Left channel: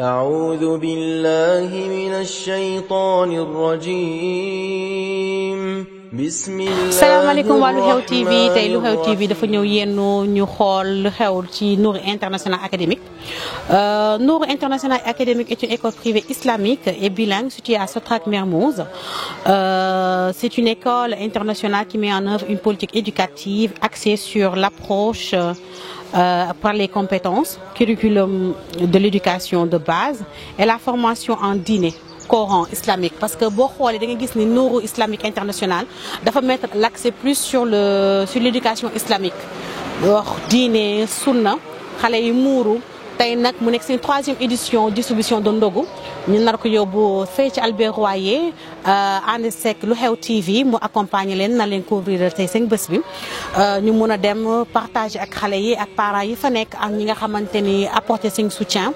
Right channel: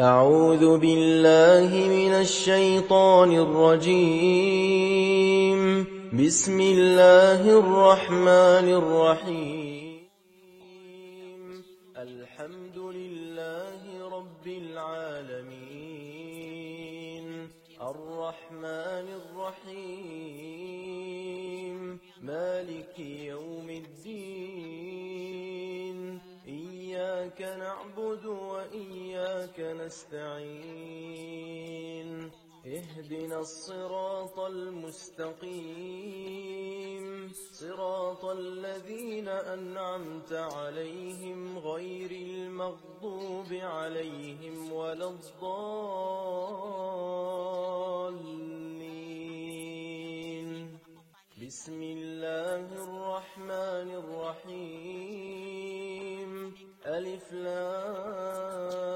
أعوذ بالله من الشيطان الرجيم بسم الله salaamaaleykum waa Lu Xew TV الرحمن tey Lu Xew TV dafa الرحيم ñëw yenn ñu xool lu xew ci Nour International Académique. Nour International Académique est une école privée islamique et bilingue située à Sotrac Mermoz. C'est une école internationale qui met en œuvre une politique éducative axée sur l'approche par les compétences, curriculum de l'éducation de base et la formation en dîner. Coran islamique parce que boo xoolee da nga gis ni Nour Islamique International dafa mettre l'accent plus sur l'éducation islamique wax diine sunna xale yi muuru tey nag mu nekk seen 3e édition distribution de ndogu ñu nar ko yóbbu fee ci Albert Royer ànd seeg Lu Xew TV mu accompagner leen na leen couvrir tey seen bés bi ñu mun a dem partager ak xale yi ak parents yi fa nekk ak ñi nga xamante ni apporter seen soutien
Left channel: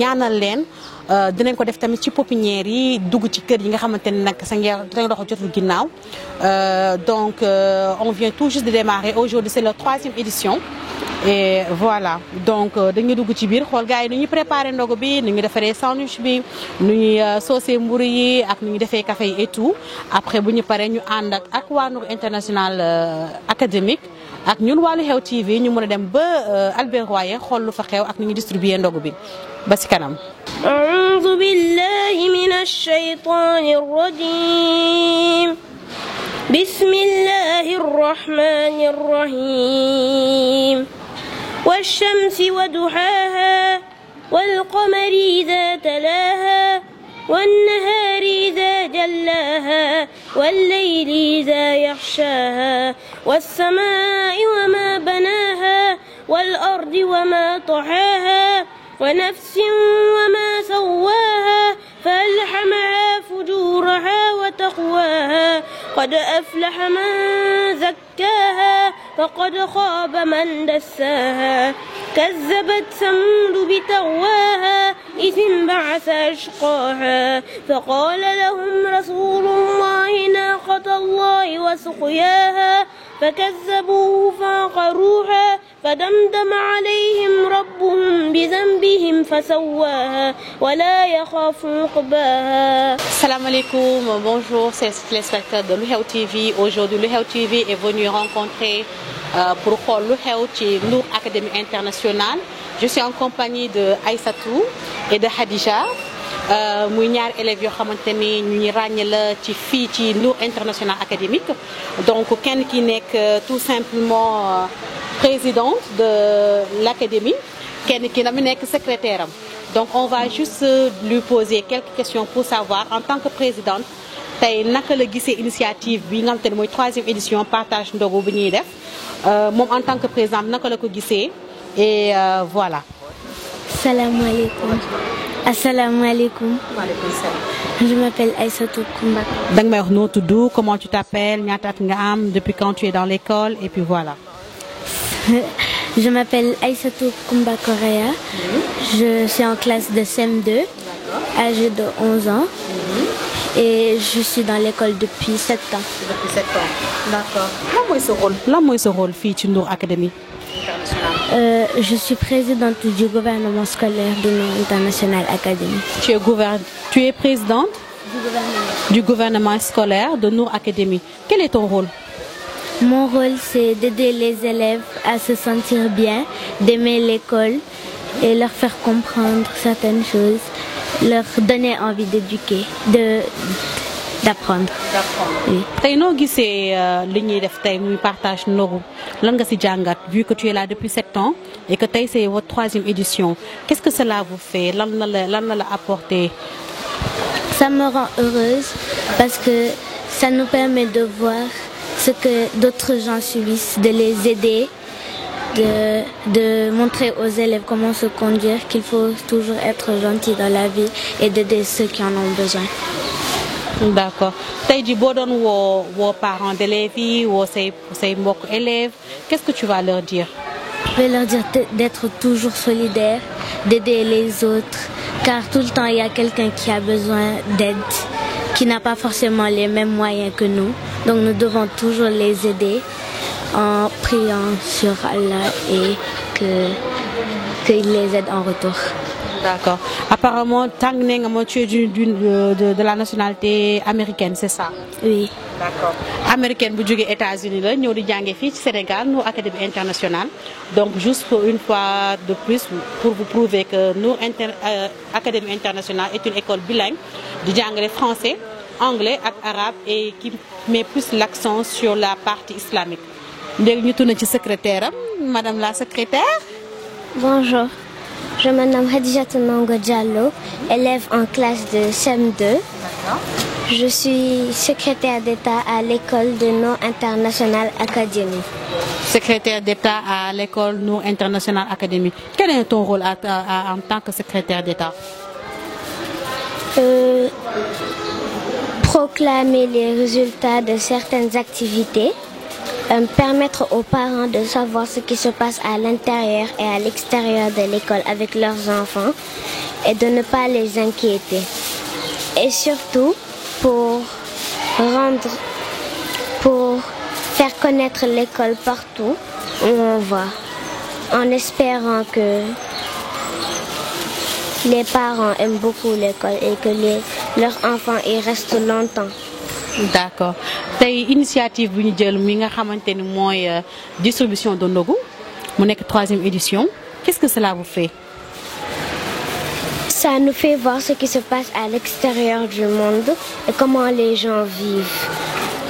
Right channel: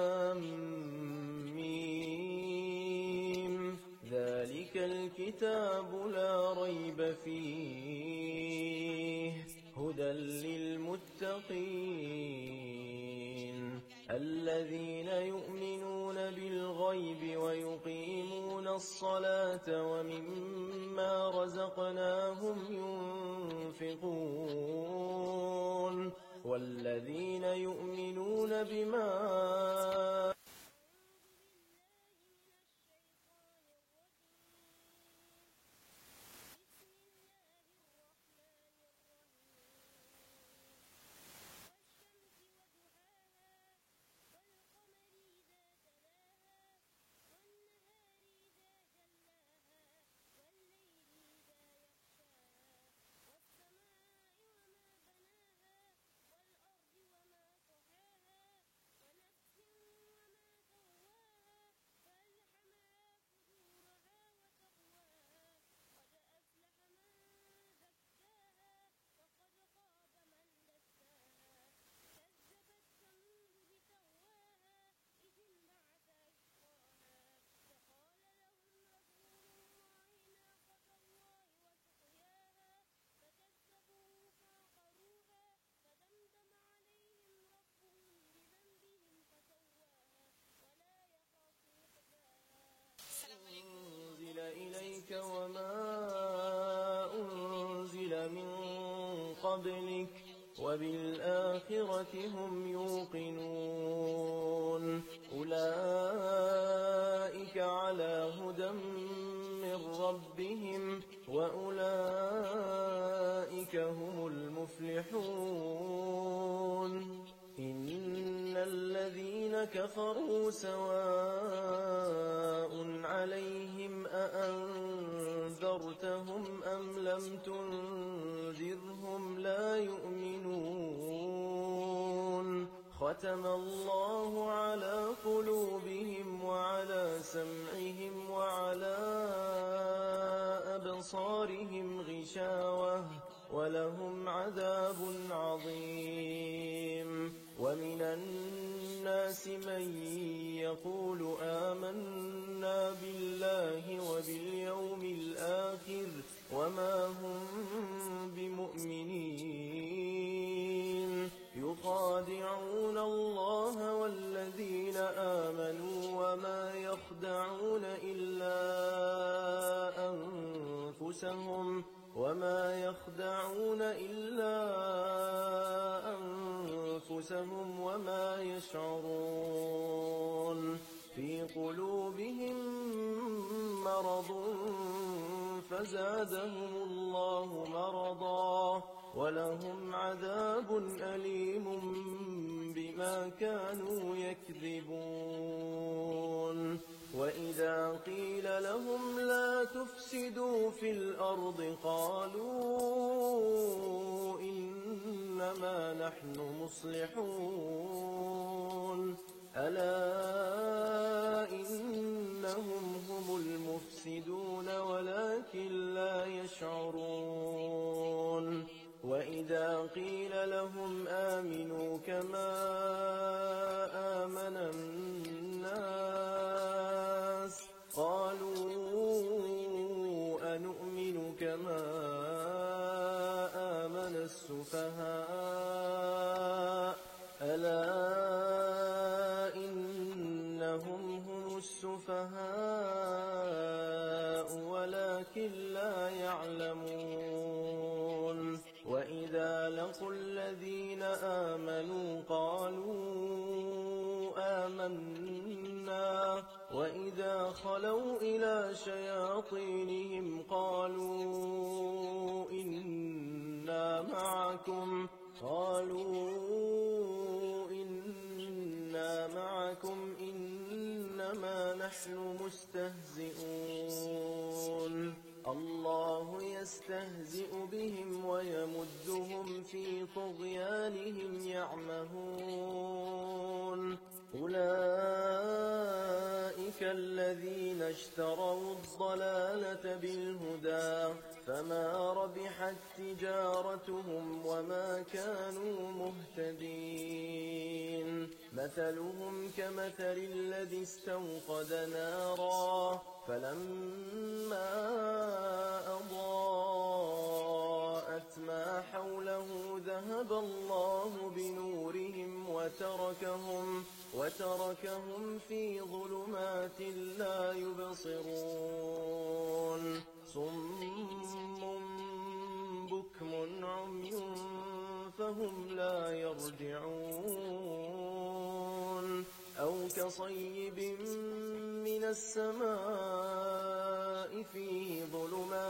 ñaanal leen. Dinañ ko def tamit ci pépinière yi dugg ci kër yi nga xamante ne nag sa ndox jotul ginnaaw donc on vient tout juste de démarrer aujourd'hui c'est la 3e édition et voilà donc dañuy dugg ci biir xool gars yi nu ñuy préparer ndogu bi nu ñuy defaree sandwich bi nu ñuy saucer mburu yi ak nu ñuy defee café yi et tout après bu ñu paree ñu ànd ak waa Nour International Académique ak ñun waa Lu Xew TV ñu mën a dem ba Albert Royer xool lu fa xew ak nu ñuy distribuer ndogu bi ba ci kanam. أعوذ بالله من الشيطان الرجيم بسم الله الرحمن الرحيم والشمس وضحاها والقمر إذا تلاها والنهار إذا جلاها والليل إذا يغشاها والسماء وما بناها والأرض وما طحاها ونفس وما سواها فألهمها فجورها وتقواها قد أفلح من زكاها وقد خاب من دساها كذبت ثمود بتقواها إذ انبعث أشقاها فقال لهم رسول الله ناقة الله وسقياها فكذبوه فعقروها فدمدم عليهم ربهم بذنبهم فسواها ولا يخاف عقباها. Salam alaikum, bonjour, c'est les téléspectateurs de Lu Xew TV. Aujourd'hui, Lu Xew TV est venu rencontrer pour xool lu xew ci Nour Académie Internationale. Je suis en compagnie de Aïssatou et de Khadija. muy ñaari élèves yoo xamante ni ñu ñu ràññee la ci fii ci Nour International Académique donc kenn ki nekk tout simplement présidente de l'académie kenn ki na mu nekk secrétaire am donc on va juste lui poser quelques questions pour savoir en tant que présidente tey naka la gisee initiative bi nga xamante ne mooy 3e édition partage ndogu bi ñuy def moom en tant que présidente naka la ko gisee et voilà. Salaamaaleykum. Asalaamaaleykum. Je m'appelle Aïssatou Koumba. da nga may wax noo tudd comment tu t'appelles ñaata at nga am depuis quand tu es dans l'école et puis voilà. Je m'appelle Aïssatou Koumba Correa. Je suis en classe de CM2, âgée de 11 ans. Et je suis dans l'école depuis 7 ans. Depuis 7 ans. D'accord. Lan mooy sa rôle fii ci Nour Académie. Je suis présidente du gouvernement scolaire de Nour International Académie. Tu es présidente du gouvernement scolaire de Nour Académie. Quel est ton rôle? Mon rôle, c'est d'aider les élèves à se sentir bien, d'aimer l'école et leur faire comprendre certaines choses, leur donner envie d'éduquer, d'apprendre. Oui. Tey noo gisee li ñuy def tey muy partage ndogu lan nga ci jàngat vu que tu es là depuis 7 ans et que tey c'est votre 3e édition qu'est-ce que cela vous fait lan la la apporté. Ça me rend heureuse parce que ça nous permet de voir ce que d'autres gens subissent, de les aider, de montrer aux élèves comment se conduire, qu'il faut toujours être gentil dans la vie et d'aider ceux qui en ont besoin. D'accord tey jii boo doon woo parents d'élèves yi woo say mbokk élèves qu'est-ce que tu vas leur dire? Je vais leur dire d'être toujours solidaire, d'aider les autres, car tout le temps il y a quelqu'un qui a besoin d'aide, qui n'a pas forcément les mêmes moyens que nous. Donc nous devons toujours les aider en priant sur Allah et qu'il les aide en retour. D'accord. Apparemment, Tang Neng, tu es de la nationalité américaine, c'est ça? Oui. D'accord. Américaine, vous jouez aux États-Unis, nous sommes au Sénégal, nous Académie internationale. Donc, juste pour une fois de plus, pour vous prouver que nous, Académie internationale est une école bilingue, de anglais, français, anglais et arabe, et qui met plus l'accent sur la partie islamique. Nous sommes secrétaire, Madame la secrétaire. Bonjour. Je me nomme Hadija Tonongo Diallo, élève en classe de CM2. Je suis secrétaire d'État à l'école de Nour International Academy. Secrétaire d'État à l'école Nour International Academy. Quel est ton rôle en tant que secrétaire d'État? Proclamer les résultats de certaines activités. Permettre aux parents de savoir ce qui se passe à l'intérieur et à l'extérieur de l'école avec leurs enfants et de ne pas les inquiéter. Et surtout pour faire connaître l'école partout où on va, en espérant que les parents aiment beaucoup l'école et que leurs enfants y restent longtemps. D'accord. Tey initiative bu ñu jël mi nga xamante ni mooy distribution de ndogu mu nekk 3e édition. Qu'est-ce que cela vous fait? Ça nous fait voir ce qui se passe à l'extérieur du monde et comment les gens vivent.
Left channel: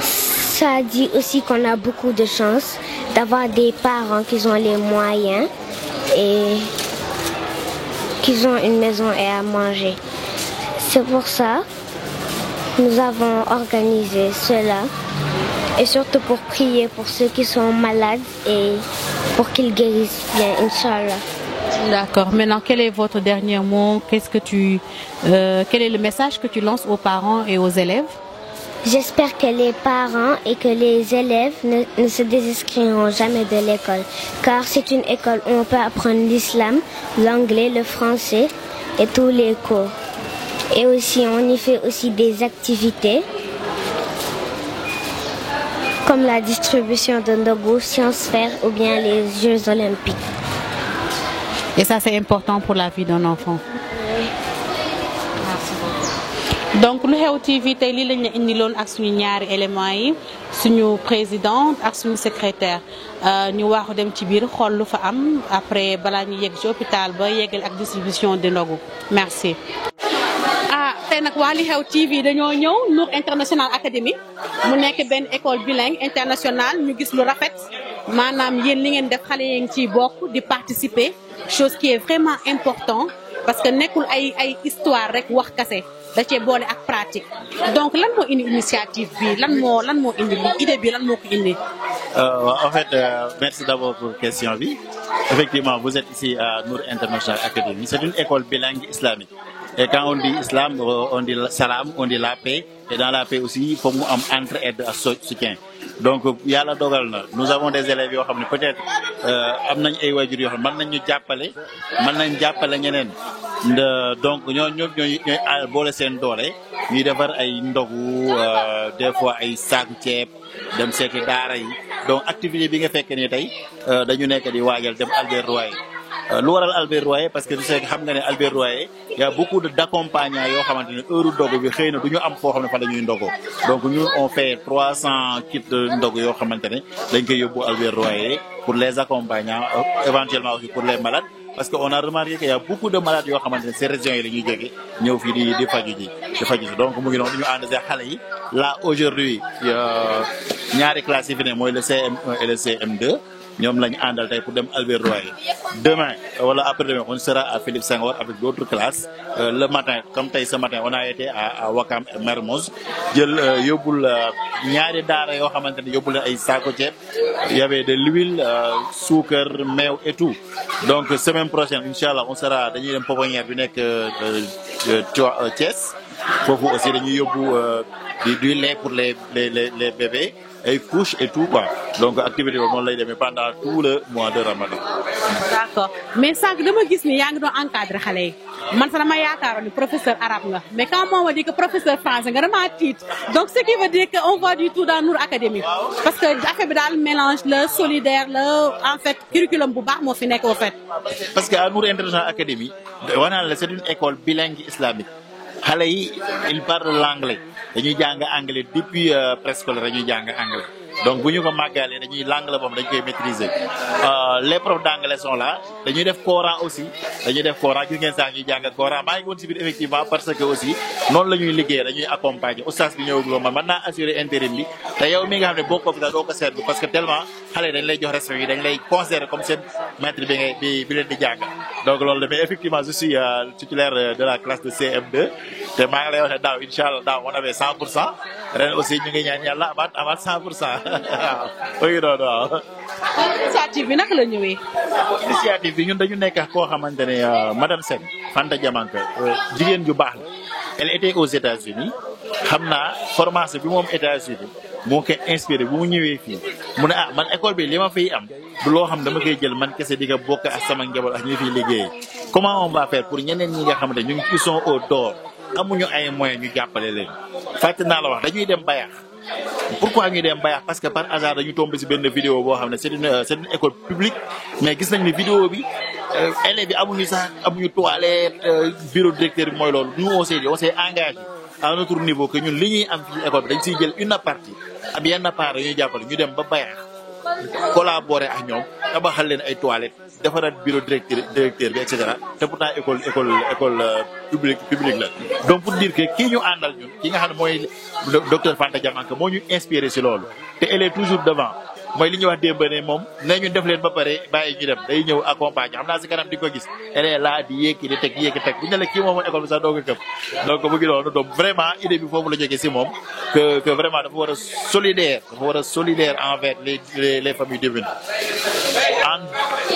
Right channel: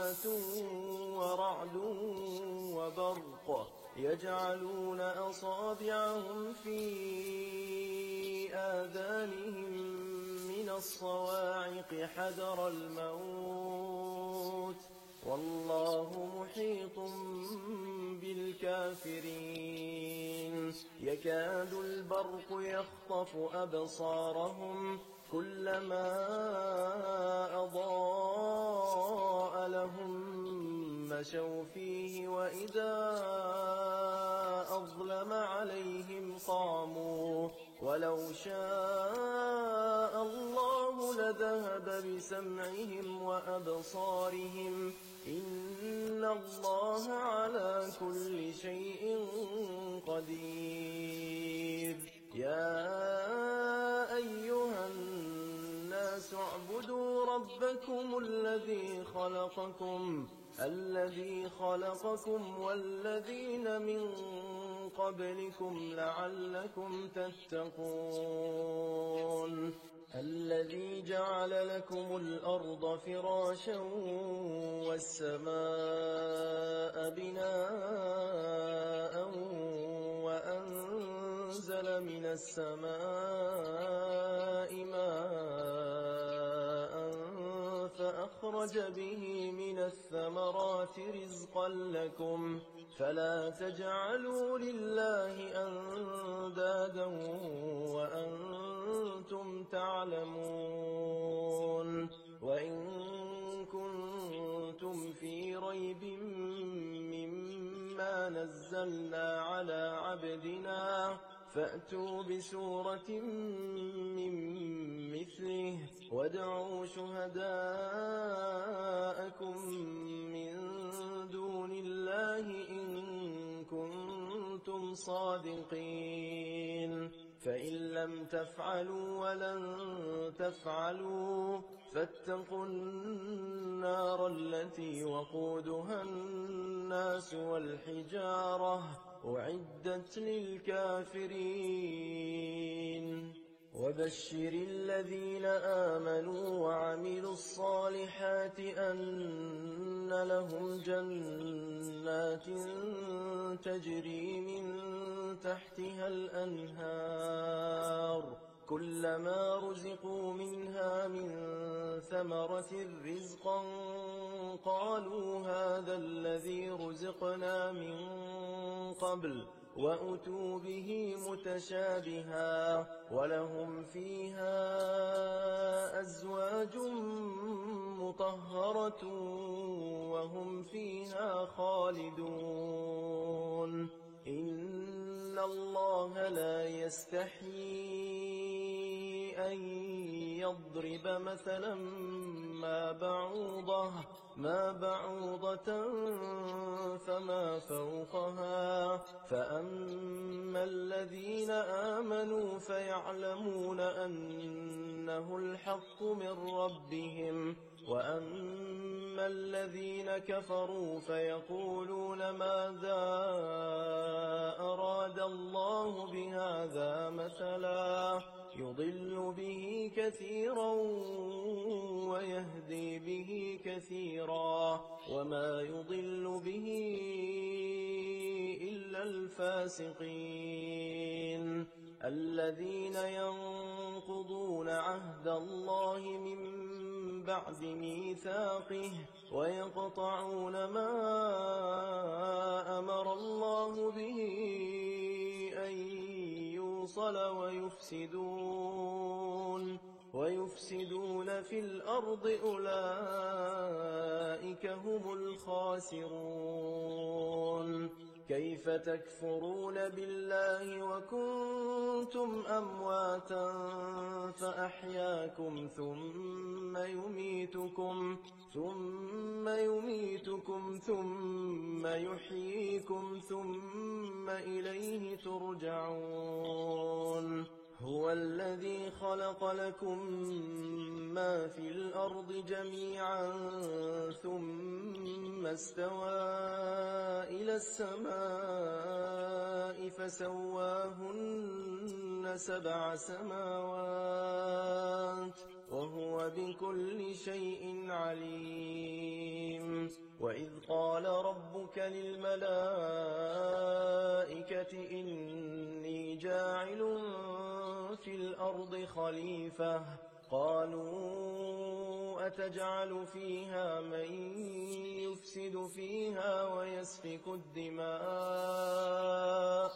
Ça dit aussi qu'on a beaucoup de chance d'avoir des parents qui ont les moyens et qui ont une maison et à manger. C'est pour ça que nous avons organisé cela et surtout pour prier pour ceux qui sont malades et pour qu'ils guérissent bien, Inch'Allah. D'accord. Maintenant, quel est votre dernier mot? Quel est le message que tu lances aux parents et aux élèves? J'espère que les parents et que les élèves ne se désinscriront jamais de l'école, car c'est une école où on peut apprendre l'islam, l'anglais, le français et tous les cours. Et aussi, on y fait aussi des activités comme la distribution de ndogu, sciences faire ou bien les Jeux olympiques. Et ça, c'est important pour la vie d'un enfant. Donc lu xew TV tey lii lañ la indiloon ak suñu ñaari éléments yi suñu présidente ak suñu secrétaire ñu waaxu dem ci biir xool lu fa am après balaa ñu yegg ci hôpital ba yeggal ak distribution de ndogu merci. Tey nag waa li xew TV dañoo ñëw Nour International Academy mu nekk benn école bilingue internationale ñu gis lu rafet maanaam yéen li ngeen def xale yi ngi ciy bokk di participer chose qui est vraiment important parce que nekkul ay histoire rek wax kase da cee boole ak pratique donc lan moo indi initiative bi lan moo indi idée bi lan moo ko indi. En fait merci d'abord pour question bi effectivement vous êtes ici à Nour International Academy c'est une école bilingue islamique et quand on dit islam on dit salam on dit la paix et dans la paix aussi il faut mu am entraide ak soutien donc yàlla dogal na nous avons des élèves yoo xam ne peut-être am nañ ay waajur yoo xam ne mën nañ ñu jàppale mën nañ jàppale ñeneen donc ñooy boole seen doole ñuy defar ay ndogu des fois ay saaku ceeb dem seeti daara yi donc activité bi nga fekk ni tey dañu nekk di waajal dem Albert Royer lu waral Albert Royer parce que tu sais xam nga ne Albert Royer y a beaucoup d'accompagnants yoo xamante ne heure ndogu bi xëy na du ñu am foo xam ne fa la ñuy ndogo donc ñun on fait 300 kits ndogu yoo xamante ne dañ koy yóbbu Albert Royer pour les accompagnants éventuellement aussi pour les malades parce que on a remarqué qu'il y a beaucoup de malades yoo xamante ne ces régions yi la ñuy jógee ñëw fii di faju ji donc mu ngi noonu ñu ànd ak xale yi là aujourd'hui ñaari classes yi fi ne mooy le CM1 et le CM2 ñoom lañu àndal tey pour dem Albert Royer demain wala après-demain on sera à Philippe Senghor avec d'autres classes le matin comme tey ce matin on a été à Wakam et Mermoz jël yóbbul ñaari daara yoo xamante ne yóbbul ay saako ceeb y avait de l'huile suukar meew et tout donc semaine prochaine inchallah on sera dañuy dem pouponnière bi nekk Thiès foofu aussi dañuy yóbbu du lait pour les bébés ay couches et tout quoi donc activité boobu noonu lay demee pendant tout le mois de Ramadan. d'accord mais sànq dama gis ni yaa ngi doon encadré xale yi man sax dama yaakaaroon ni professeur arabe nga mais quand on m'a dit que professeur français nga dama tiit donc ce qui veut dire que on voit du tout dans Nour Academy parce que affaire bi daal mélange la solidaire la en fait curriculum bu baax moo fi nekk au fait. parce que à Nour International Academy wanaan la c'est une école bilingue islamique xale yi ils parlent l'anglais dañuy jàng anglais depuis préscolaire dañuy jàng anglais donc bu ñu ko màggalee dañuy l'anglais moom dañ koy maîtriser les profs d'anglais sont là dañuy def Coran aussi dañuy def Coran gis ngeen saa ñuy jàng Coran maa ngi woon si biir effectivement parce que aussi noonu la ñuy liggéey dañuy accompagner oustaz bi ñëwaguloo man mën naa assurer intérim bi te yow mi nga xam ne boo ko fi doo ko seetlu parce que tellement xale dañ lay jox respect yi dañ lay considérer comme seen maître bi ngay bi leen di jàng donc loolu la mais effectivement je suis titulaire de la classe de CM2 te maa ngi lay wax ne daaw incha allah daaw on avait 100% ren aussi ñu ngi ñaan yàlla amaat 100% waaw oui non non. initiative bi naka la ñëwee. initiative bi ñun dañu nekk koo xamante ne madame Seck Fanta Diamanka jigéen ju baax la elle était aux États-Unis xam naa formation bi moom États-Unis moo koy inspiré bu mu ñëwee fii mu ne man école bi li ma fiy am du loo xam dama koy jël man kese di nga bokk ak sama njaboot ak ñi fiy liggéeyee comment on va faire pour ñeneen ñi nga xamante ñu ngi qui sont au dehors amuñu ay moyens ñu jàppale leen fàtte naa la wax dañuy dem bayax pourquoi ñuy dem bayax parce que par hasard dañu tombé ci benn vidéo boo xam ne c'est une école publique mais gis nañ ne vidéo bi élèves bi amuñu sax amuñu toilette bureau directeur bi mooy loolu nous on s'est engagé à notre niveau que ñun li ñuy am ci école bi dañ siy jël une partie ab yenn part ñuy jàppale ñu dem ba bayax collaborer ak ñoom tabaxal leen ay toilettes defaraat bureau directeur bi et cetera te pourtant école publique la donc pour dire que kii ñu àndal ñun ki nga xam ne mooy docteur Fanta Diamanka moo ñu inspiré si loolu te elle est toujours devant mooy li ñuy wax démb ne moom ne ñu def leen ba pare bàyyi ñu dem day ñëw accompagner xam naa si kanam di ko gis elle est là di yéegi di teg bu ñu ne la kii moom école bi sax doo ko këpp donc mu ngi noonu donc vraiment idée bi foofu la jógee si moom que vraiment dafa war a solidaire envers les familles démunies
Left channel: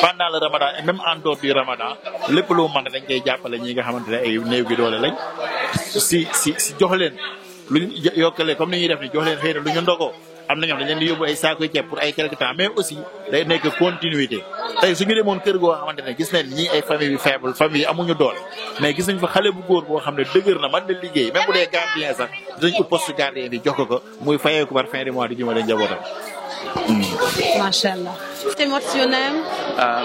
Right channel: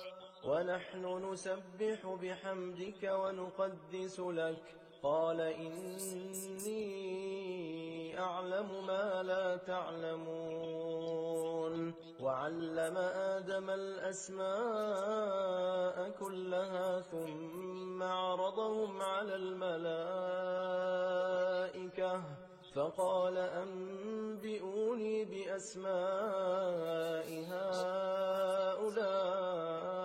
pendant le Ramadan et même en dehors du Ramadan lépp lu mën dañ koy jàppale ñi nga xamante ne ay néew gi doole lañ si jox leen lu ñu yokkale comme ni ñuy def ni jox leen xëy na lu ñu ndogoo am na ñoo xam dañ leen di yóbbu ay saako ceeb pour ay quelque temps mais aussi day nekk continuité tey suñu demoon kër goo xamante ne gis nañ ñii ay famille yu faible famille amuñu doole mais gis nañ fa xale bu góor boo xam ne dëgër na man de liggéey même bu dee gardien sax dinañ ko poste gardien bi jox ko muy fayeeku par fin de mois di jëmale njabootam. Mashallah. What's your name?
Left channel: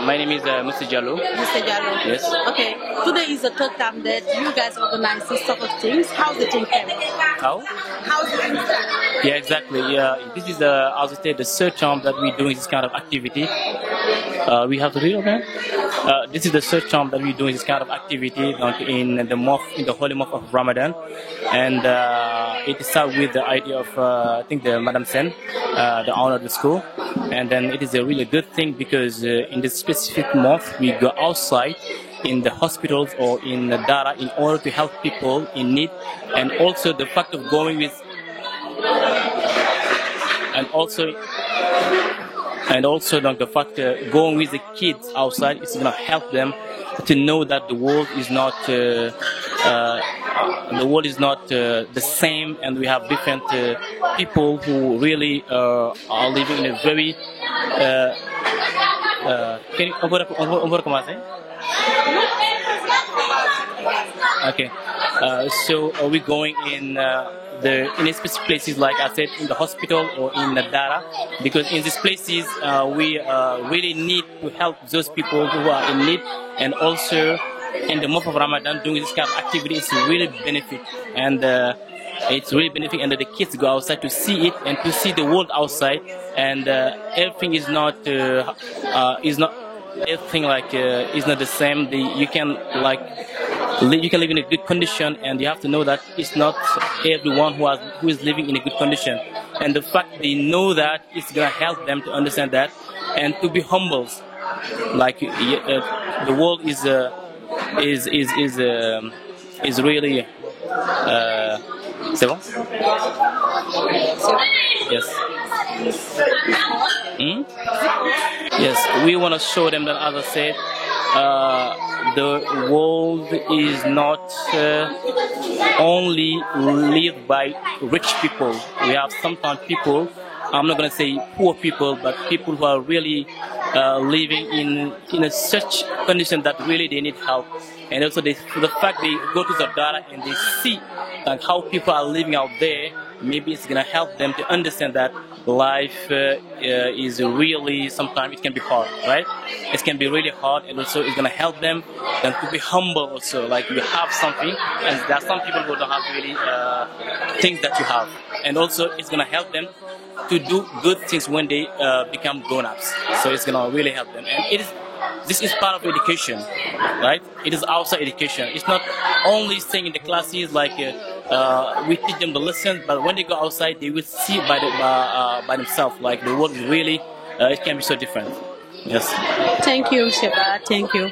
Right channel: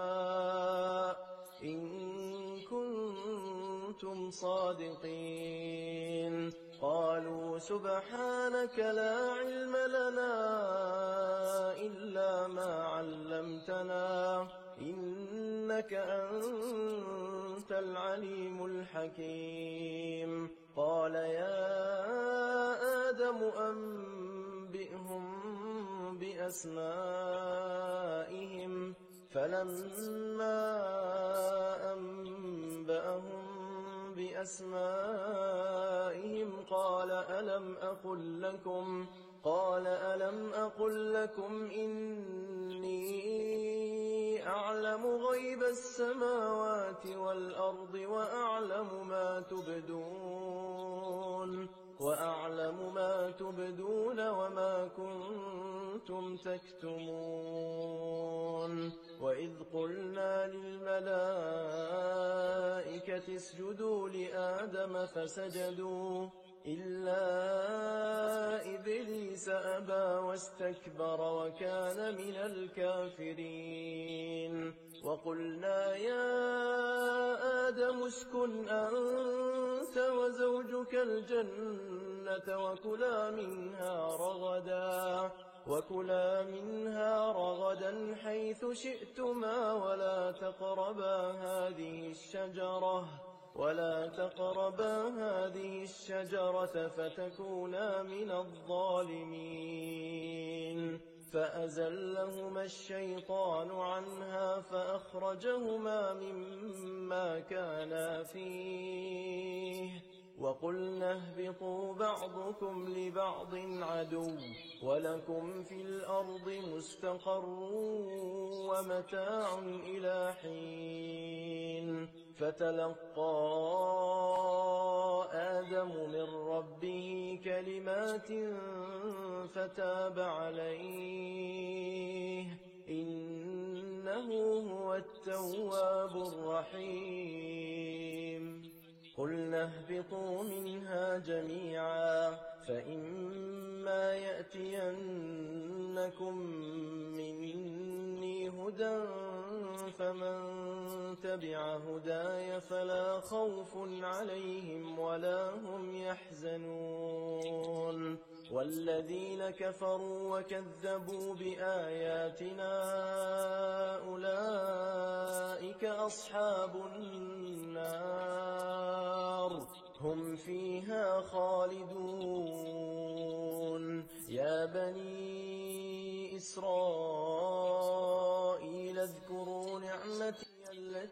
My name is Mr. Jallo. Mr. Jallo. Yes. Okay. Today is the third time that you guys organize this sort of things. How's the thing going? How's the thing going? Yeah, exactly. This is I would say the third time that we're doing this kind of activity. We have to read okay? This is the third time that we're doing this kind of activity in the holy month of Ramadan, and it started with the idea of I think the Madam Sen, the owner of the school, and then it is a really good thing because in this specific month we go outside in the hospitals or in the Dara in order to help people in need, and also the fact of going with and also the fact going with the kids outside is going to help them to know that the world is not the same, and we have different people who really are living in a very on va recommencer? Okay, so are we going in specific places, like I said, in the hospital or in the Dara, because in these places we really need to help those people who are in need, and also in the month of Ramadan doing this kind of activity is really benefit, and it's really benefit, and the kids go outside to see it and to see the world outside, and everything is not everything like is not the same. You can live in a good condition, and you have to know that it's not everyone who is living in a good condition, and the fact they know that it's gonna help them to understand that and to be humble. Like the world is really. C'est bon? Yes. Yes, we want to show them that, as I said, the world is not only lived by rich people. We have sometimes people I'm not going to say poor people, but people who are really living in such condition that really they need help. And also the fact they go to the data and they see how people are living out there, maybe it's going to help them to understand that life is really, sometimes it can be hard, right? It can be really hard, and also it's going to help them and to be humble also, like you have something, and there are some people who don't have really things that you have. And also it's going to help them to do good things when they become grown-ups. So it's going to really help them. And this is part of education, right? It is outside education. It's not only staying in the classes like we teach them the lessons, but when they go outside, they will see by themselves. Like the world really, it can be so different. Yes. Thank you, Sheba. Thank you.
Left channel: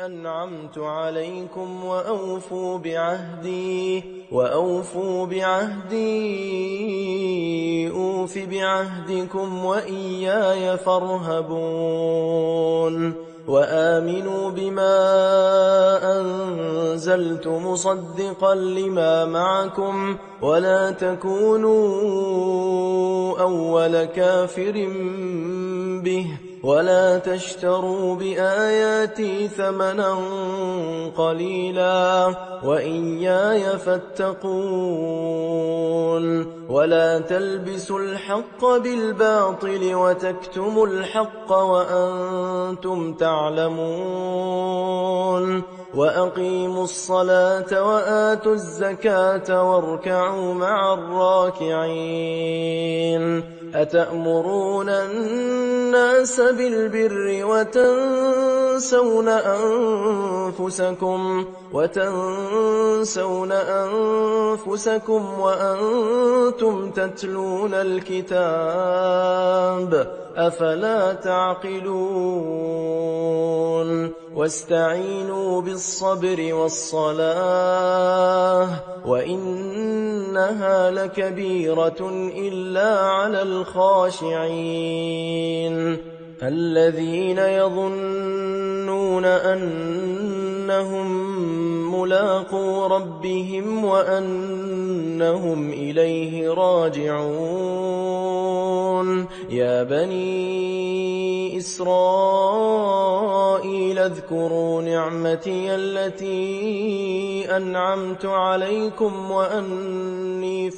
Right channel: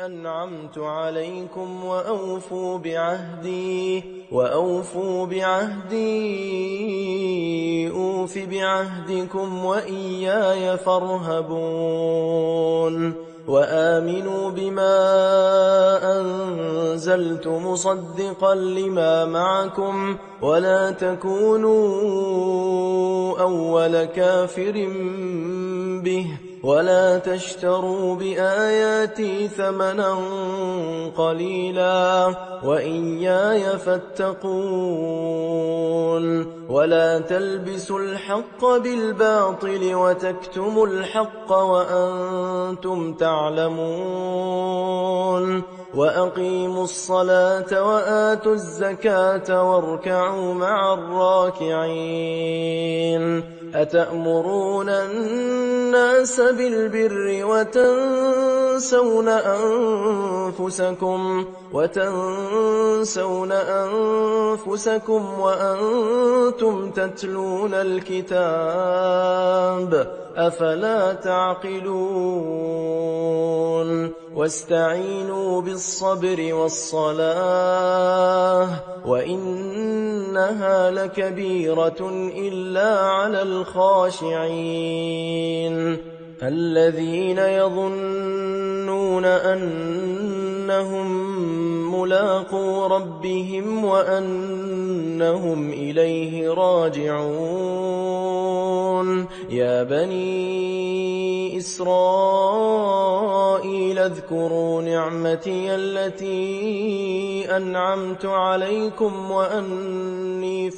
أنعمت عليكم وأوفوا بعهدي أوف بعهدكم وإياي فارهبون وآمنوا بما أنزلت مصدقا لما معكم ولا تكونوا أول كافر به ولا تشتروا بآياتي ثمنا قليلا وإياي فاتقون ولا تلبسوا الحق بالباطل وتكتموا الحق وأنتم تعلمون وأقيموا الصلاة وآتوا الزكاة واركعوا مع الراكعين أتأمرون الناس بالبر وتنسون أنفسكم وأنتم تتلون الكتاب أفلا تعقلون واستعينوا بالصبر والصلاة وإنها لكبيرة إلا على الخاشعين الذين يظنون أنهم ملاقو ربهم وأنهم إليه راجعون يا بني إسرائيل اذكروا نعمتي التي أنعمت عليكم وأني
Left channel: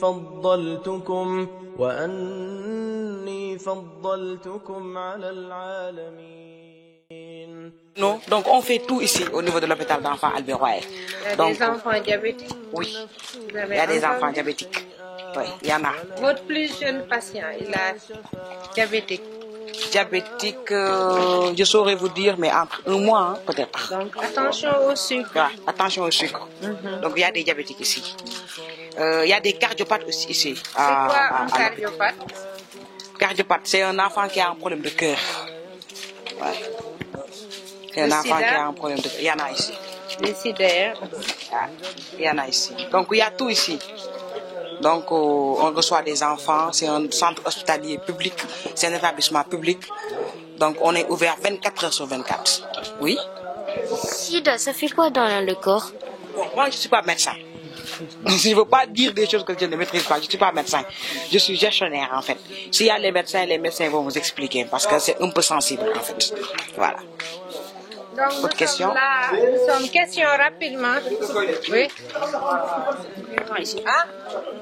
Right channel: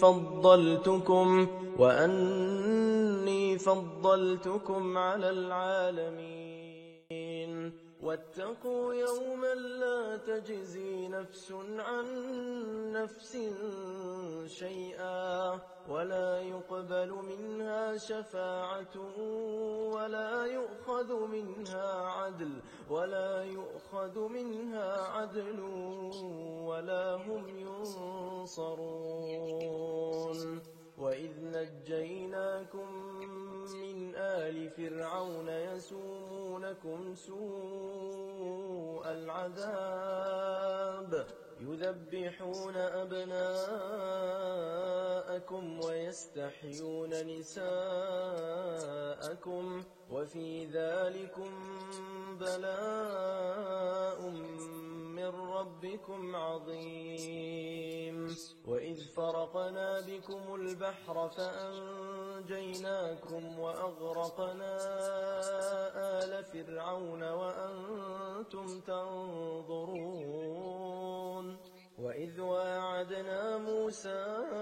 فضلتكم على العالمين. Donc on fait tout ici au niveau de l'hôpital d'enfants Albert Royer. Donc des enfants diabétiques. Oui, il y a des enfants diabétiques. Oui, il y en a. Votre plus jeune patient, il a diabétique. Diabétique, je saurais vous dire, mais entre un mois hein, peut-être. Donc attention au sucre. Ouais, attention au sucre. Donc il y a des diabétiques ici. Il y a des cardiopathes aussi ici. C'est quoi un cardiopathe? Cardiopathe, c'est un enfant qui a un problème de cœur. Ouais. C'est un enfant qui a un problème de cœur. Il y en a ici. Décideur. Il y en a ici. Donc il y a tout ici. Donc on reçoit des enfants, c'est un centre hospitalier public, c'est un établissement public. Donc on est ouvert 24 heures sur 24. Oui. Sida, ça fait quoi dans le corps? Moi je ne suis pas médecin. Je ne veux pas dire des choses que je ne maîtrise pas. Je ne suis pas médecin. Je suis gestionnaire en fait. S'il y a les médecins vont vous expliquer parce que c'est un peu sensible en fait. Voilà. Donc, autre question? Nous sommes question rapidement. Oui. Ah,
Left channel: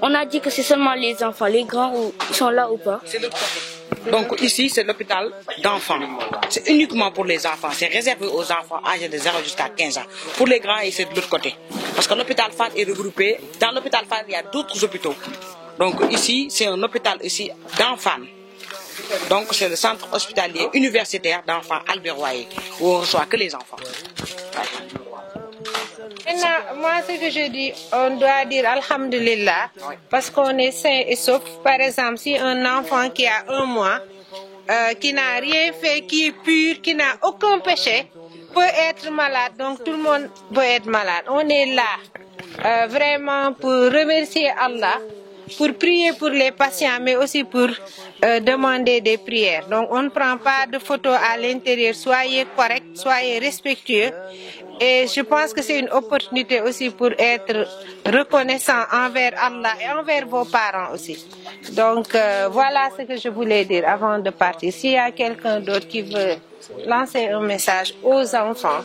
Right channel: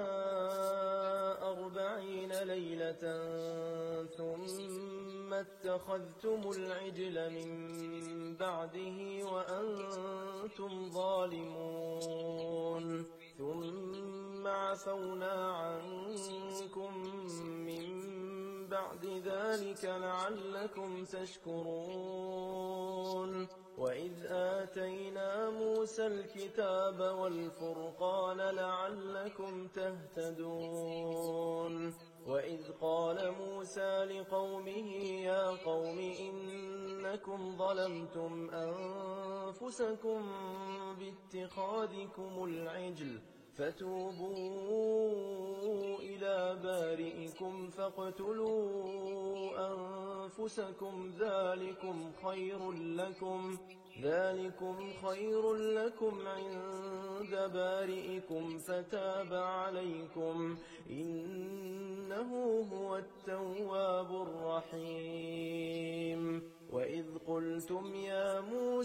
on a dit que c'est seulement les enfants, les grands sont là ou pas? Donc ici c'est l'hôpital d'enfants. C'est uniquement pour les enfants. C'est réservé aux enfants âgés de 0 jusqu'à 15 ans. Pour les grands, c'est de l'autre côté. Parce que l'hôpital FAD est regroupé. Dans l'hôpital FAD, il y a d'autres hôpitaux. Donc ici, c'est un hôpital ici d'enfants. Donc c'est le centre hospitalier universitaire d'enfants Albert Royer où on ne reçoit que les enfants. Maintenant, moi ce que je dis, on doit dire Alhamdulillah parce qu'on est sain et sauf. Par exemple, si un enfant qui a 1 mois, qui n'a rien fait, qui est pur, qui n'a aucun péché, peut être malade. Donc tout le monde peut être malade. On est là vraiment pour remercier Allah pour prier pour les patients, mais aussi pour demander des prières. Donc on ne prend pas de photos à l'intérieur. Soyez corrects, soyez respectueux. Et je pense que c'est une opportunité aussi pour être reconnaissant envers Allah et envers vos parents aussi. Donc voilà ce que je voulais dire avant de partir. S'il y a quelqu'un d'autre qui veut lancer un message aux enfants,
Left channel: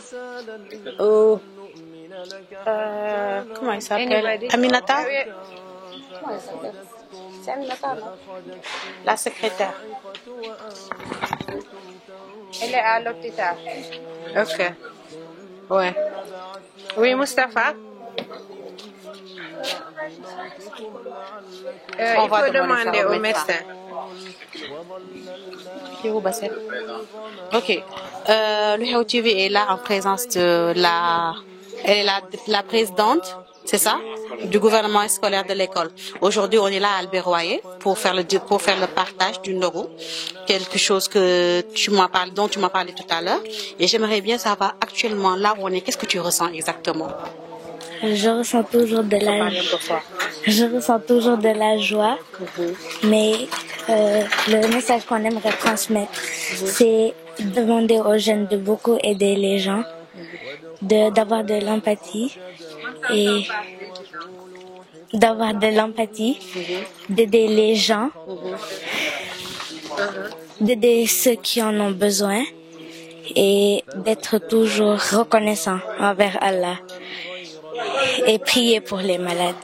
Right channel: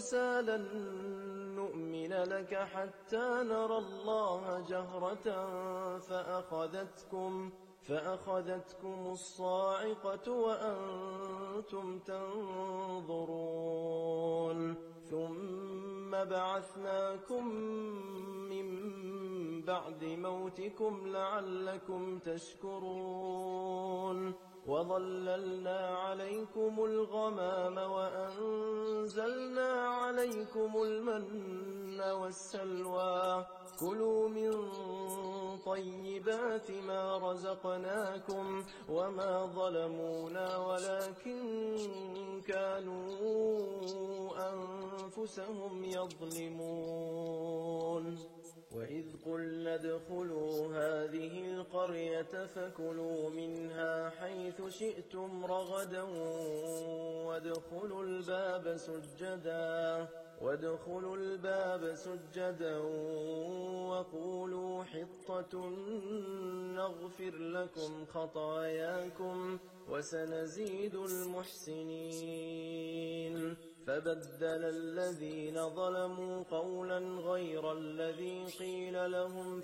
comment il s'appelle? Aminata? C'est Aminata, la secrétaire. Elle est à l'hôpital. Ok. Ouais. Oui, Mustapha. Il faut demander au médecin. Ok. Le Xew TV est là en présence de elle est la présidente, c'est ça, du gouvernement scolaire de l'école. Aujourd'hui, on est là à Albert Royer pour faire le partage du ndogu, quelque chose que dont tu m'as parlé tout à l'heure. Et j'aimerais bien savoir actuellement là où on est, qu'est-ce que tu ressens exactement? Je ressens toujours de la joie, mais le message qu'on aimerait transmettre, c'est demander aux jeunes de beaucoup aider les gens, d'avoir de l'empathie et d'aider les gens, d'aider ceux qui en ont besoin et d'être toujours reconnaissant envers Allah et prier pour les malades.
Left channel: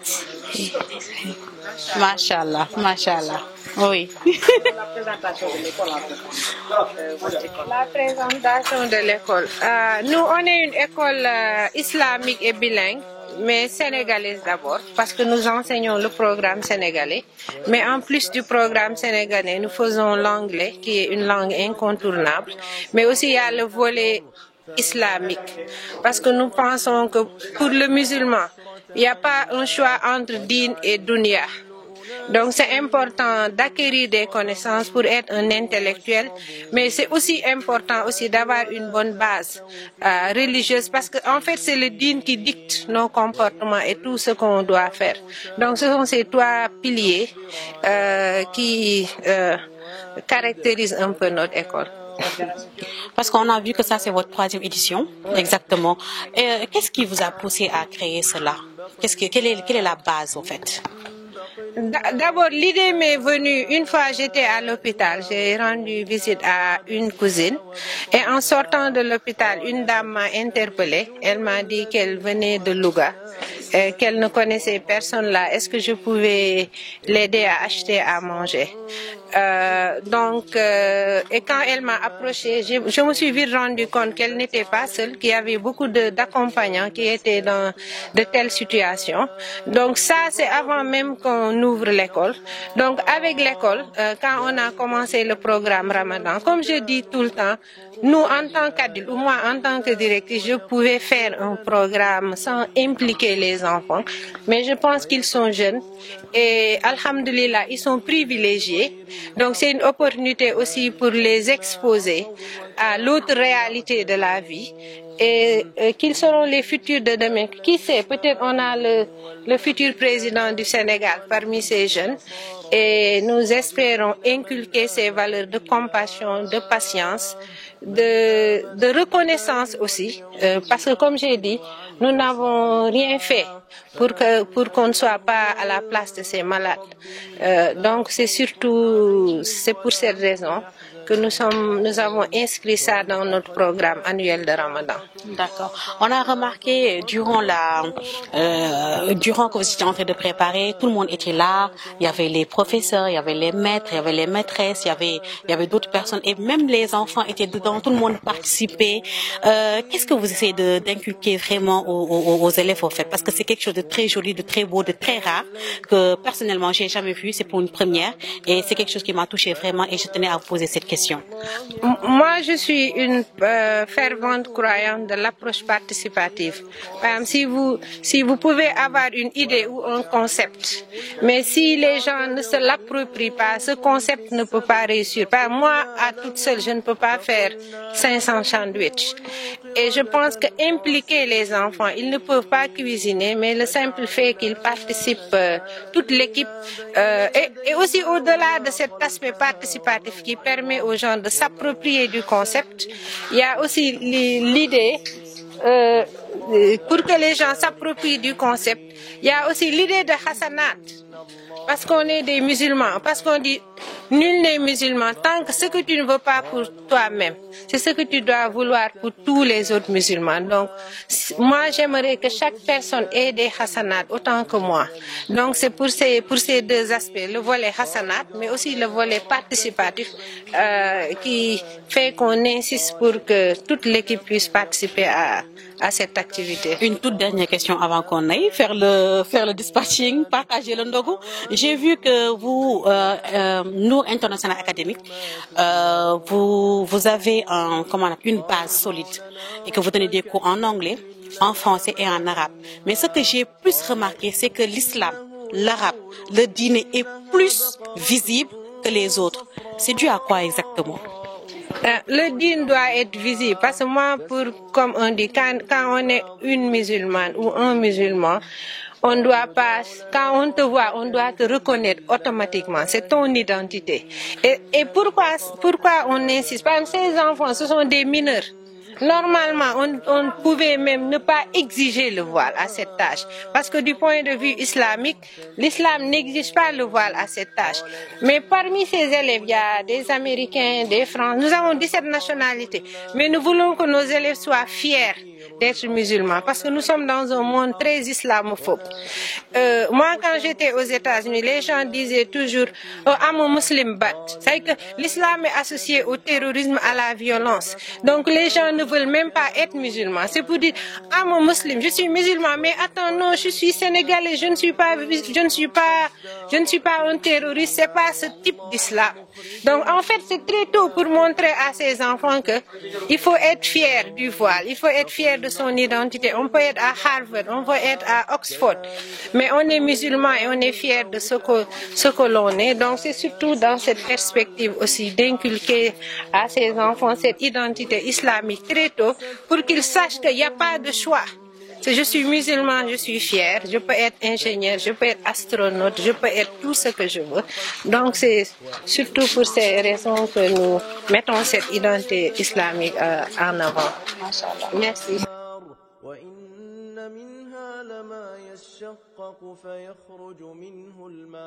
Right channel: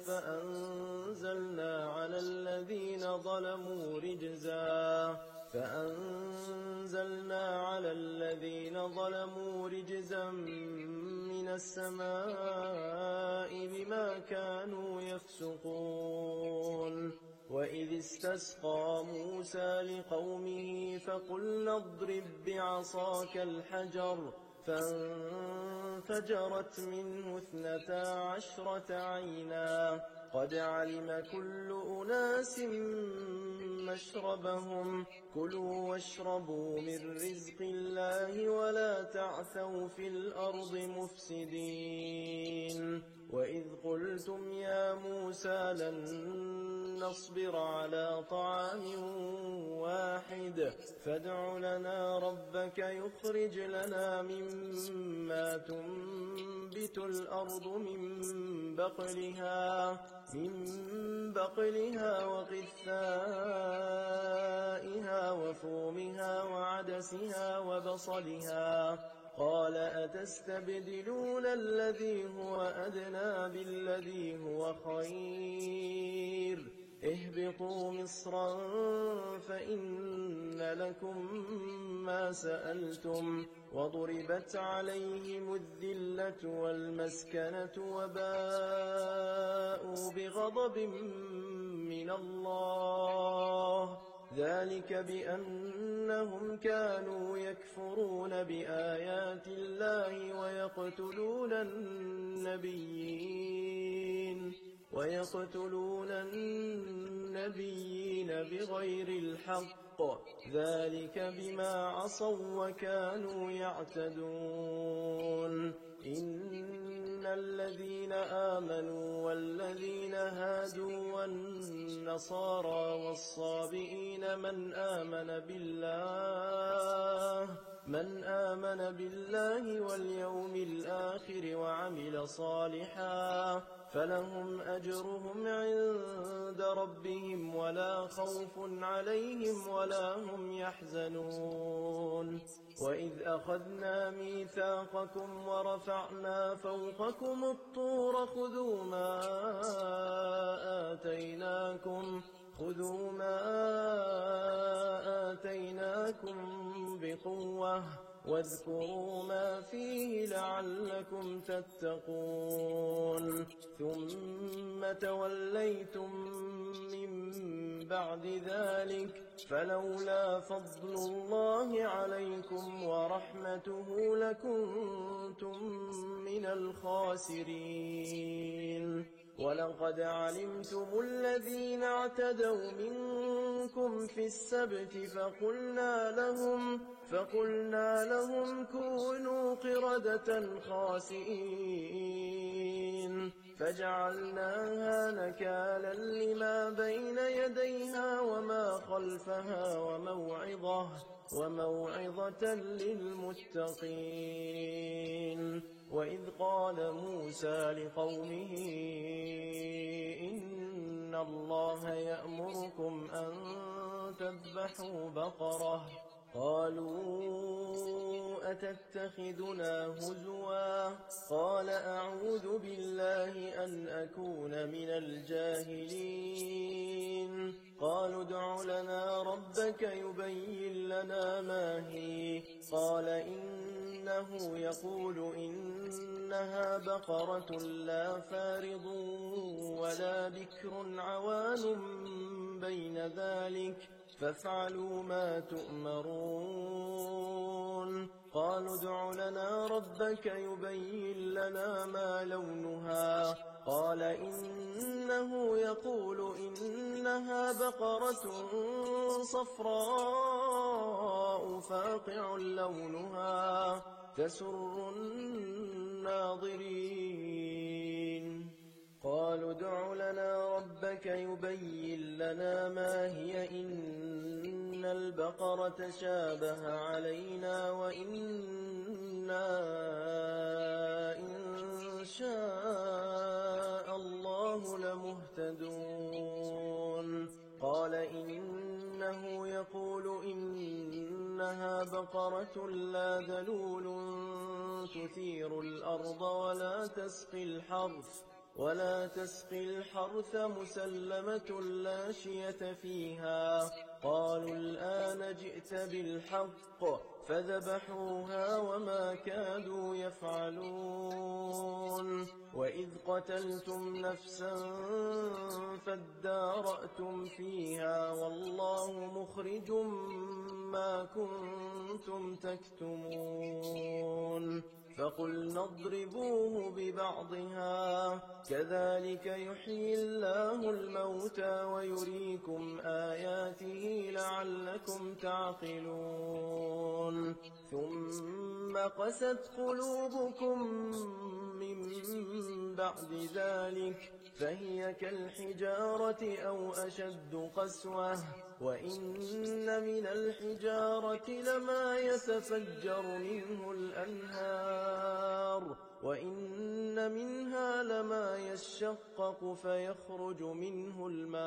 Machallah, machallah. Oui. La présentation de l'école. Nous, on est une école islamique et bilingue, mais sénégalaise d'abord, parce que nous enseignons le programme sénégalais. Mais en plus du programme sénégalais, nous faisons l'anglais, qui est une langue incontournable. Mais aussi, il y a le volet islamique, parce que nous pensons que pour le musulman, il n'y a pas un choix entre din et dunya. Donc c'est important d'acquérir des connaissances pour être un intellectuel, mais c'est aussi important aussi d'avoir une bonne base religieuse, parce qu'en fait c'est le din qui dicte nos comportements et tout ce qu'on doit faire. Donc ce sont ces trois piliers qui caractérisent un peu notre école. Parce qu'on a vu que ça c'est votre 3e édition, exactement. Qu'est-ce qui vous a poussé à créer cela? Quelle est la base en fait? D'abord, l'idée m'est venue une fois j'étais à l'hôpital. J'ai rendu visite à une cousine et en sortant de l'hôpital, une dame m'a interpellée. Elle m'a dit qu'elle venait de Louga, qu'elle ne connaissait personne là. Est-ce que je pouvais l'aider à acheter à manger? Et quand elle m'a approchée, je me suis vite rendu compte qu'elle n'était pas seule, qu'il y avait beaucoup d'accompagnants qui étaient dans de telles situations. Donc ça, c'est avant même qu'on ouvre l'école. Donc avec l'école, quand on a commencé le programme Ramadan, comme je dis tout le temps, nous en tant qu'adultes, ou moi en tant que directrice, je pouvais faire un programme sans impliquer les enfants. Mais je pense qu'ils sont jeunes et alhamdulillah, ils sont privilégiés. Donc c'est une opportunité aussi pour les exposer à l'autre réalité de la vie et qu'ils seront les futurs de demain. Qui sait, peut-être on a le futur président du Sénégal parmi ces jeunes et nous espérons inculquer ces valeurs de compassion, de patience, de reconnaissance aussi, parce que comme j'ai dit, nous n'avons rien fait pour qu'on ne soit pas à la place de ces malades. Donc c'est pour cette raison que nous avons inscrit ça dans notre programme annuel de Ramadan. D'accord. On a remarqué durant que vous étiez en train de préparer, tout le monde était là. Il y avait les professeurs, il y avait les maîtres, il y avait les maîtresses, il y avait d'autres personnes et même les enfants étaient dedans. Tout le monde participait. Qu'est-ce que vous essayez d'inculquer vraiment aux élèves au fait? Parce que c'est quelque chose de très joli, de très beau, de très rare que personnellement j'ai jamais vu. C'est pour une première et c'est quelque chose qui m'a touché vraiment et je tenais à vous poser cette question. question? Moi, je suis une fervente croyante de l'approche participative. Par exemple, si vous pouvez avoir une idée ou un concept, mais si les gens ne se l'approprient pas, ce concept ne peut pas réussir. Moi, à toute seule, je ne peux pas faire 500 sandwichs. Et je pense qu'impliquer les enfants, ils ne peuvent pas cuisiner, mais le simple fait qu'ils participent, toute l'équipe, et aussi au-delà de cet aspect participatif qui permet aux gens de s'approprier du concept, il y a aussi l'idée, pour que les gens s'approprient du concept, il y a aussi l'idée de Hassanat, parce qu'on est des musulmans, parce qu'on dit nul n'est musulman tant que ce que tu ne veux pas pour toi-même, c'est ce que tu dois vouloir pour tous les autres musulmans. Donc, moi, j'aimerais que chaque personne ait des Hassanat autant que moi. Donc, c'est pour ces deux aspects, le volet Hassanat, mais aussi le volet participatif, qui fait qu'on insiste pour que toute l'équipe puisse participer à cette activité. Une toute dernière question avant qu'on aille faire le dispatching, partager le ndogu. J'ai vu que vous, Nour International Academic, vous avez une base solide et que vous donnez des cours en anglais, en français et en arabe. Mais ce que j'ai plus remarqué, c'est que l'islam, l'arabe, le dîner est plus visible que les autres. C'est dû à quoi exactement? Le dîner doit être visible parce que moi, comme on dit, quand on est une musulmane ou un musulman, on doit pas, quand on te voit, on doit te reconnaître automatiquement. C'est ton identité. Et pourquoi on insiste? Parce que ces enfants, ce sont des mineurs. Normalement, on pouvait même ne pas exiger le voile à cette âge. Parce que du point de vue islamique, l'islam n'exige pas le voile à cette âge. Mais parmi ces élèves, il y a des Américains, des Français. Nous avons 17 nationalités. Mais nous voulons que nos élèves soient fiers d'être musulmans. Parce que nous sommes dans un monde très islamophobe. Moi, quand j'étais aux États-Unis, les gens disaient toujours « I'm a Muslim but ». C'est-à-dire que l'islam est associé au terrorisme, à la violence. Donc les gens ne veulent même pas être musulmans. C'est pour dire I'm a Muslim, je suis musulman, mais attends, non, je suis sénégalais, je ne suis pas un terroriste, c'est pas ce type d'islam. Donc en fait, c'est très tôt pour montrer à ces enfants que il faut être fier du voile, il faut être fier de son identité. On peut être à Harvard, on peut être à Oxford, mais on est musulman et on est fier de ce que l'on est. Donc c'est surtout dans cette perspective aussi d'inculquer à ces enfants cette identité islamique très tôt pour qu'ils sachent qu'il n'y a pas de choix. Je suis musulman, je suis fière, je peux être ingénieur, je peux être astronaute, je peux être tout ce que je veux. Donc c'est surtout pour ces raisons que nous mettons cette identité islamique en avant. Merci. منها لما يشقق فيخرج منه الماء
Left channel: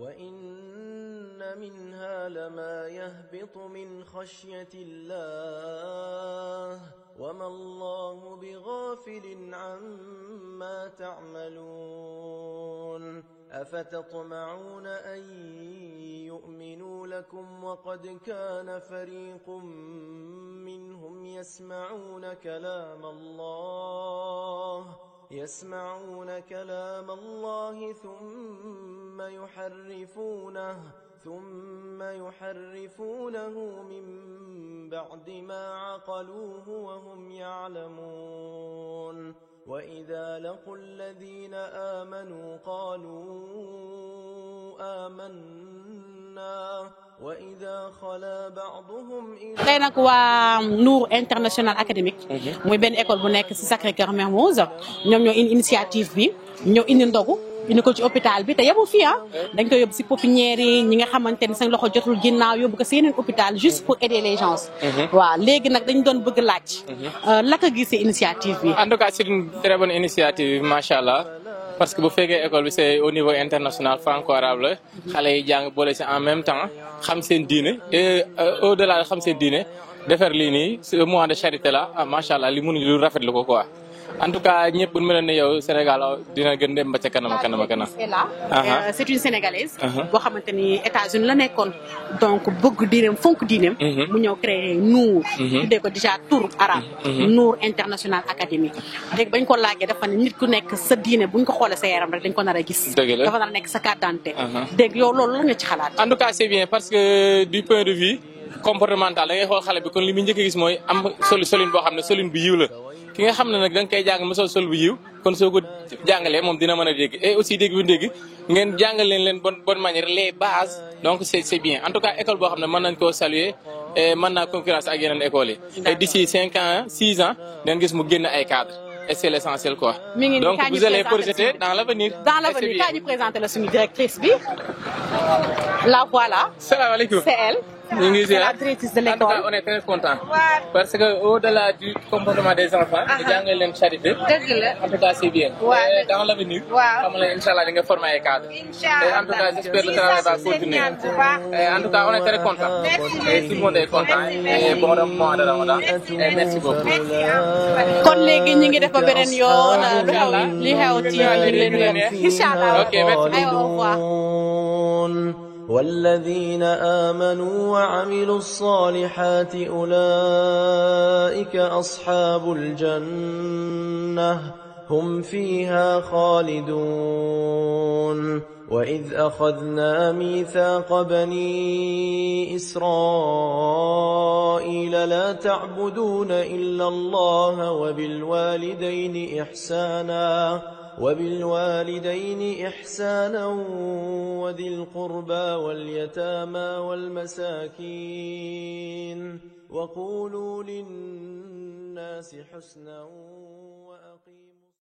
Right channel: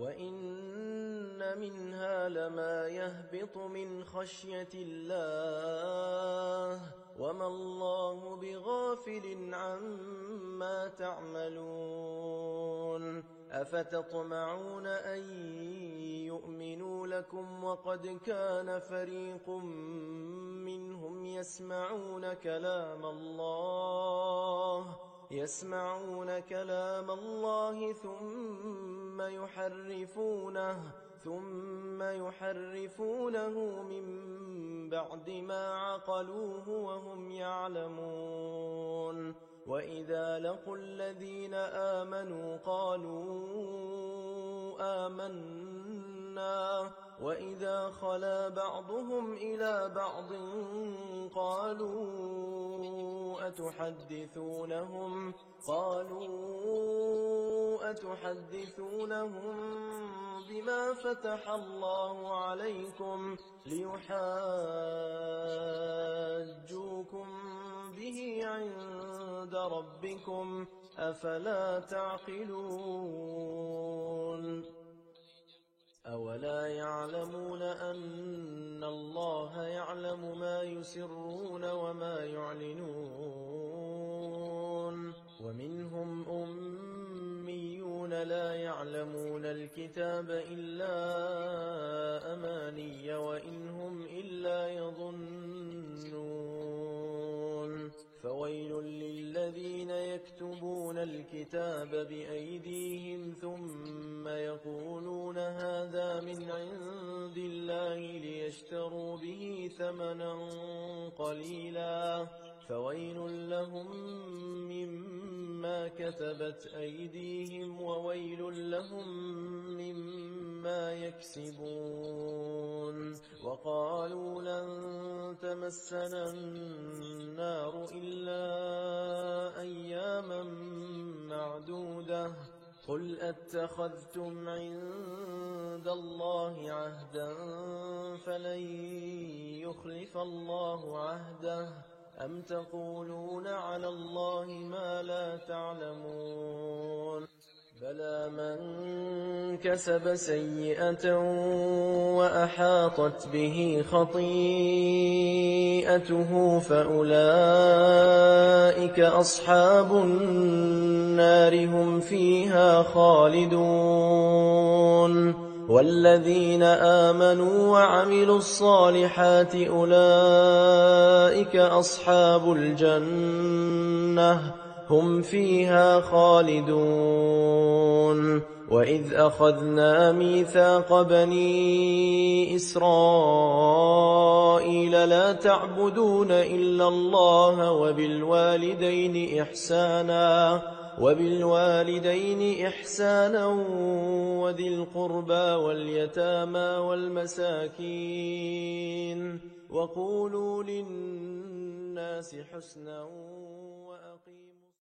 وإن منها لما يهبط من خشية الله وما الله بغافل عما تعملون أفتطمعون أن يؤمنوا لكم وقد كان فريق منهم يسمعون كلام الله ثم يحرفونه من بعد ما عقلوه وهم يعلمون وإذا لقوا الذين آمنوا قالوا آمنا وإذا خلا بعضهم إلى tey nag waa Nour International Academic muy benn école bu nekk ci Sacré-Cœur Mermoz ñoom ñoo indi initiative bi ñoo indi ndogu indi ko ci hôpital bi te yebul fii dañ koy yóbbu ci pépinière yi ñi nga xamante ni seen loxo jotul ginnaaw yóbbu ko ci yeneen hôpital juste pour aider les gens. waaw léegi nag dañ doon bëgg laaj laka gisee initiative bi. En tout cas c'est une très bonne initiative machallah parce que bu fekkee école bi c'est au niveau international franco-arabe la xale yi jàng boole ci en même temps xam seen diine et au-delà de xam seen diine defar lii nii ce mois de charité là machallah li mënuñu lu rafetlu ko quoi. en tout cas ñëpp bu mel ne yow Sénégal dina gën dem ba ca kanam kanam kanam. c'est une sénégalaise. boo xamante ni États-Unis la nekkoon donc bëgg diineem fonk diineem. mu ñëw créer Nour. tuddee ko déjà tour arabe. Nour International Academy. léegi bañ ko laajee dafa ne nit ku nekk sa diine buñ ko xoolee sa yaram rek dañ ko nar a gis. dafa nar a nekk sa carte d'identité. dégg yow loolu la nga ci xalaat. en tout cas c'est bien parce que du point de vue comportemental da ngay xool xale bi kon li muy njëkk a gis mooy am solin boo xam ne solin bu yiw la ki nga xam ne nag da nga koy jàng mu sol bu yiw kon soo ko jàngalee moom dina mën a dégg et aussi dégg bu dégg ngeen jàngal leen bonne manière les bases donc c'est bien en tout cas école boo xam ne mën nañ koo saluer et mën naa concurrence ak yeneen écoles yi et d'ici 5 ans 6 ans ngeen gis mu génn ay cadres et c'est l'essentiel quoi. Donc vous allez projeter dans l'avenir. Dans l'avenir, quand vous présentez la directrice bi. La voilà. Salam alaikum. C'est elle. C'est la directrice de l'école. En tout cas, on est très content. Parce que au-delà du comportement des enfants, nous avons une charité. En tout cas, c'est bien. Dans l'avenir, Inch'Allah, nous allons former un cadre. Et en tout cas, j'espère que le travail va continuer. En tout cas, on est très content. Et tout le monde est content. Et bon mois de Ramadan. Et merci beaucoup. kon léegi ñu ngi def ba beneen yoon li xew ci فيها خالدون والذين آمنوا وعملوا الصالحات أولئك أصحاب الجنة هم فيها خالدون وإذ أخذنا ميثاق بني إسرائيل لا تعبدون إلا الله وبالوالدين إحسانا وذي القربى واليتامى والمساكين وقولوا للناس حسنا وأقيموا